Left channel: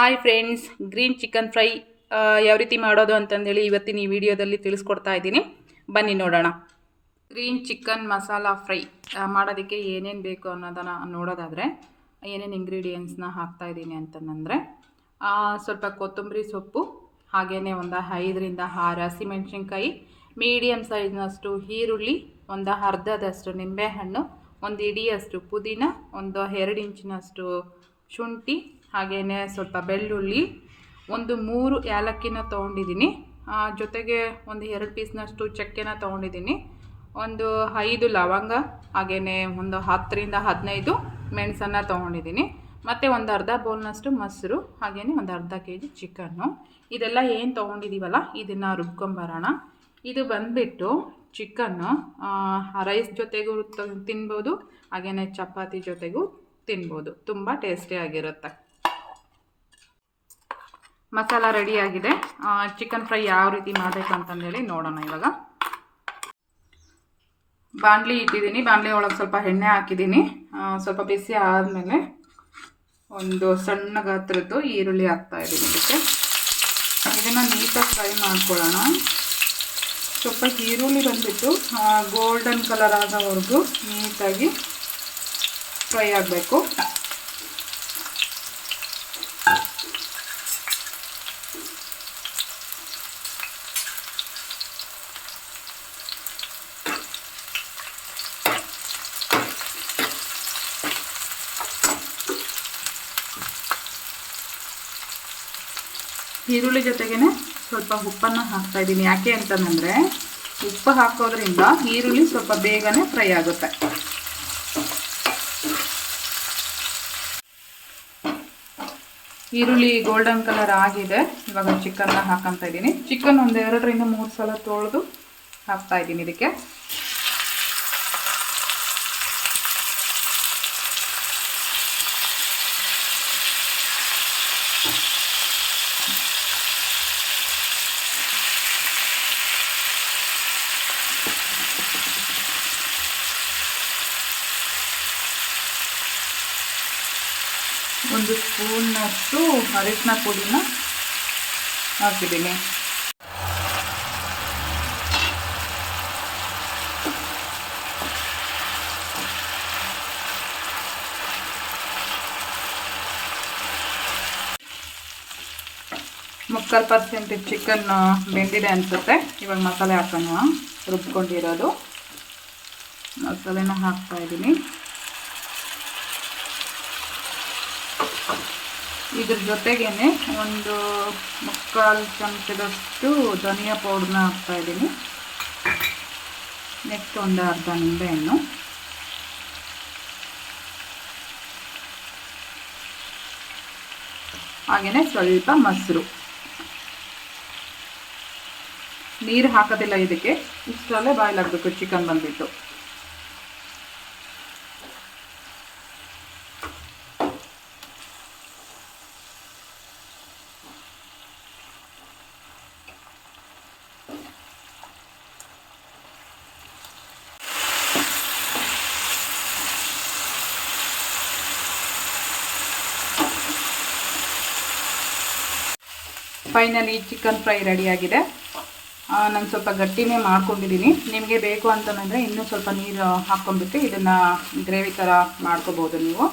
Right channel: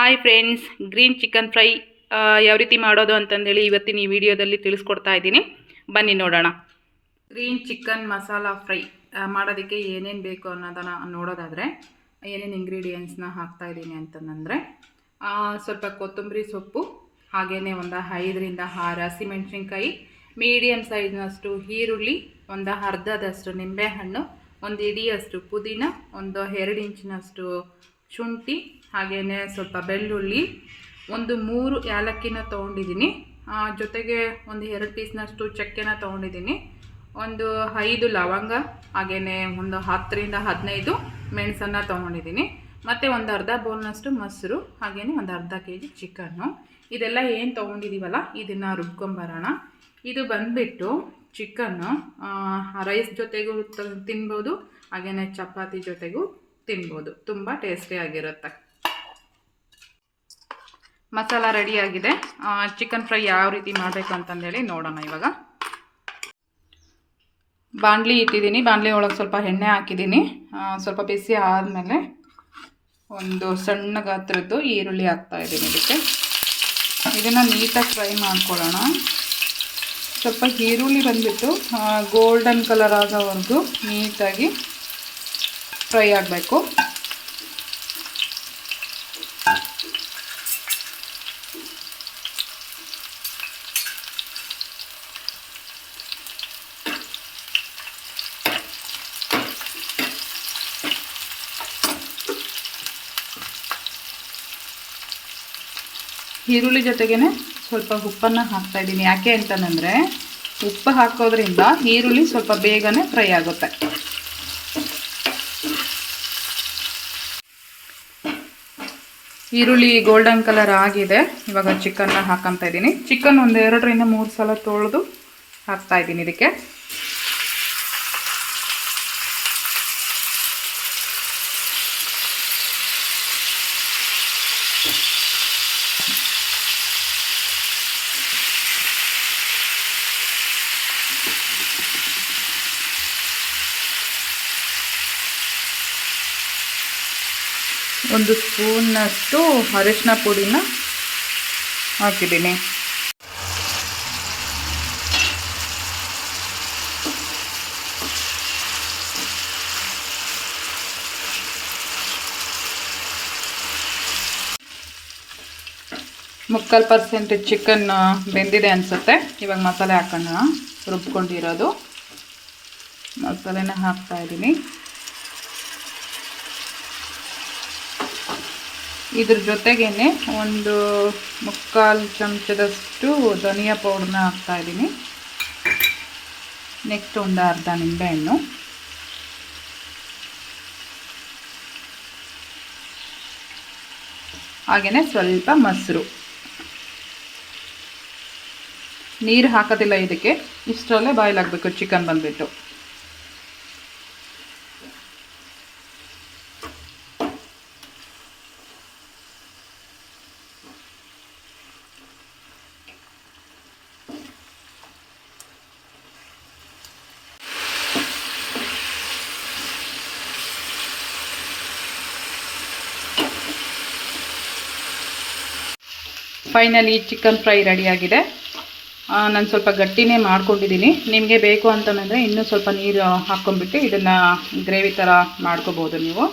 Hi friends, green chicken fry ಯಾವ ರೀತಿ ಮಾಡೋದು ಅಂತಂದೇಳಿ ಇವತ್ತಿನ ಈ ವಿಡಿಯೋದಲ್ಲಿ ತಿಳಿಸ್ಕೊಡ್ತಾ ಇದ್ದೀನಿ. ಬನ್ನಿ ನೋಡೋಣ. ಗ್ರೀನ್ ಚಿಕನ್ ಮಸಾಲಾ ಫ್ರೈ ಮಾಡೋದಕ್ಕೆ ಏನೇನು ಬೇಕು ಅನ್ನೋದನ್ನು ನೋಡೋದಾದರೆ ಏನೇನು ಇಂಗ್ರೀಡಿಯೆಂಟ್ಸ್ನ ಹಾಕ್ತಾಯಿದ್ದೀನಿ ಅಂತಂದರೆ ಸ್ವಲ್ಪ ಕೊತ್ತಂಬರಿ ಸೊಪ್ಪು, ಹಾಗೆಯೇ ಒಂದು 5ರಿಂದ 6 ಹಸಿಮೆಣಸಿನ್ಕಾಯಿ, ಮೀಡಿಯಮ್ ಸೈಜ್ನಷ್ಟು ಈರುಳ್ಳಿ, ಒಂದು ಅರ್ಧದಷ್ಟು ನಿಂಬೆಹಣ್ಣು, ಒಂದು ಇಡಿಯಷ್ಟು ಪುದೀನ, ಒಂದು 2 ಇಂಚಿನಷ್ಟು ಶುಂಠಿ, ಹಾಗೆಯೇ ಸ್ವಲ್ಪ ಬೆಳ್ಳುಳ್ಳಿ, ಒಂದು 3 ಏಲಕ್ಕಿನ ತೊಗೊಂಡಿದ್ದೀನಿ. ಜೊತೆಗೆ ಒಂದು 2 ಪೀಸ್ನಷ್ಟು ಚಕ್ಕೆನ ತೊಗೊಂಡಿದ್ದೀನಿ, ಒಂದು 5 ಲವಂಗ, ಹಾಗೆಯೇ ಒಂದು 10ರಿಂದ 15 ಮೆಣಸನ್ನು ತೊಗೊಂಡಿದ್ದೀನಿ, ಮತ್ತು ಒಂದು ಅರ್ಧ ಬೌಲ್ನಷ್ಟು ಮೊಸರು, ಹಾಗೆಯೇ ಒಂದು ಅರ್ಧ kg ಚಿಕನ್ನು. ಇದೆಲ್ಲ ಏನು ತೊಗೊಂಡಿದ್ದೀವಲ್ಲ ಇದನ್ನು ರುಬ್ಕೊಂಬರೋಣ. ಇದು ಬಂದುಬಿಟ್ಟು ಚಿಕನ್ನು ರೈಸ್ ಜೊತೆಗೂ ತಿನ್ಬೋದು, ಹಾಗೆಯೇ ಚಪಾತಿ ಜೊತೆಗೂ ತಿನ್ಬೋದು. ತುಂಬ ಟೇಸ್ಟಿಯಾಗಿರುತ್ತೆ. ಮಸಾಲ ರೆಡಿಯಾಗಿದೆ. ಚಿಕನ್ ಫ್ರೈ ಯಾವ ರೀತಿ ಮಾಡಬೇಕು ಅಂತಂದೇಳಿ ನೋಡೋಣ. ಇವಾಗ ಬಾಣಲಿ ಇಟ್ಟಿದ್ದೀನಿ, ಬಾಣಲಿ ಒಳಗೆ ಸ್ವಲ್ಪ ಎಣ್ಣೆ ಹಾಕಿದ್ದೀನಿ. ಸ್ವಲ್ಪ ಬಿಸಿ ಆದಮೇಲೆ ಒಂದು ಸಣ್ಣ ಗಾತ್ರದ್ದು ಈರುಳ್ಳಿ ಹಾಕ್ತಾಯಿದ್ದೀನಿ. ಇದನ್ನು ನೀಟಾಗಿ ಫ್ರೈ ಮಾಡ್ಕೊಳ್ಳೋಣ. ಸ್ವಲ್ಪ ಈರುಳ್ಳಿ ಬಂದುಬಿಟ್ಟು ಗೋಲ್ಡನ್ ಕಲರ್ ಆಗೋವರೆಗೂ ನೀಟಾಗಿ ಫ್ರೈ ಆಗಬೇಕು. ಈರುಳ್ಳಿ ಜೊತೆಗೇ ಸ್ವಲ್ಪ ಉಪ್ಪನ್ನು ಹಾಕ್ತಾಯಿದ್ದೀನಿ. ಯಾಕೆ ಅಂತಂದರೆ ಉಪ್ಪು ಹಾಕೋದ್ರಿಂದ ಈರುಳ್ಳಿ ಸ್ವಲ್ಪ ಬೇಗನೆ ಫ್ರೈ ಆಗುತ್ತೆ. ಈರುಳ್ಳಿ ಗೋಲ್ಡನ್ ಕಲರ್ ಆಗಿದೆ. ಇವಾಗ ಚಿಕನ್ನ ಹಾಕ್ಕೊತಾ ಇದ್ದೀನಿ. ಚಿಕನ್ ಒಂದು 2ರಿಂದ 3 ಸಲ ತೊಳೆದು ಹಾಕ್ತಾಯಿದ್ದೀನಿ ಇದಕ್ಕೆ. ಒಂದು ಸ್ಪೂನ್ನಷ್ಟು ಅರಿಶಿನ ಪುಡಿನ ಹಾಕಿದ್ದೀನಿ. ಮುಕ್ಕಾಲು % ಚಿಕನ್ ಬೆಂದಿದೆ ಅನಿಸುತ್ತೆ. ಇವಾಗ ಮಸಾಲೆ ಹಾಕೋಣ. ರುಬ್ಕೊಂಡಿರೋದು ಮಸಾಲೆನ ಹಾಕ್ತಾಯಿದ್ದೀನಿ. ಇದ್ರ ಜೊತೆಗೇ ಒಂದು ಮುಕ್ಕಾಲು ಚಮಚದಷ್ಟು ಧನಿಯಾ ಪೌಡ್ರನ್ನ ಹಾಕ್ತಾಯಿದ್ದೀನಿ. ನೆಕ್ಸ್ಟ್ ಒಂದು ಅರ್ಧ ನಿಂಬೆಹಣ್ಣು, ಹಾಗೆಯೇ ಸ್ವಲ್ಪ ಮೊಸರು. ನೀರು ಹಾಕೋದಿಲ್ಲ ಇದಕ್ಕೆ, ಇಷ್ಟರಲ್ಲೇ ಬಾಯ್ಲ್ ಆಗಬೇಕು ಚಿಕನ್ ಬಂದುಬಿಟ್ಟು. ಫೈನಲಿ ಚಿಕನ್ ಫ್ರೈ ರೆಡಿಯಾಗಿದೆ. ನಾನು ಸ್ವಲ್ಪ ಗಟ್ಟಿನೇ ಮಾಡ್ಕೊಂಡಿದ್ದೀನಿ. ನಿಮಗೆ ಬೇಕು ಅಂತಂದರೆ ಇನ್ನೂ ಸ್ವಲ್ಪ ನೀರು ಹಾಕ್ಕೊಂಡ್ಬಿಟ್ಟು ಇದನ್ನು ಗ್ರೇವಿ ಥರ ಮಾಡ್ಕೋಬೋದು ನೀವು.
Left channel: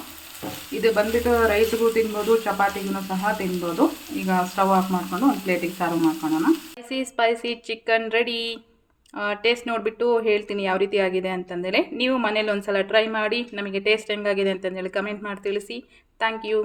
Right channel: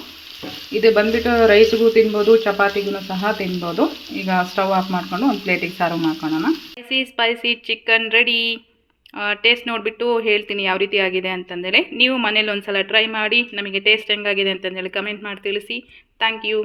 ಇದು ಬಂದುಬಿಟ್ಟು ರೈಸ್ಗೂ ತಿನ್ಬೋದು, ಚಪಾತಿಗೂ ಸಹ ತಿನ್ಬೋದು. ಈಗ ಸ್ಟವ್ ಆಫ್ ಮಾಡಿಕೊಂಡು ಒಂದು ಪ್ಲೇಟಿಗೆ ಸರ್ವ್ ಮಾಡ್ಕೊಳ್ಳೋಣ. Spicy chicken ready. ಟೇಸ್ಟ್ ನೋಡಿಬಿಟ್ಟು ಹೇಳ್ತೀನಿ ಯಾವ ರೀತಿ ಆಗಿದೆ ಅಂತಂದೇಳಿ. ನೀವು ಮನೇಲಿ ಒಂದು ಸಲ ಟ್ರೈ ಮಾಡಿ ನಮಗೆ ಟೇಸ್ಟ್ ಹೆಂಗಾಗಿದೆ ಅಂತಂದೇಳಿ ಕಮೆಂಟ್ ಮಾಡಿ ತಿಳಿಸಿ. Thank you.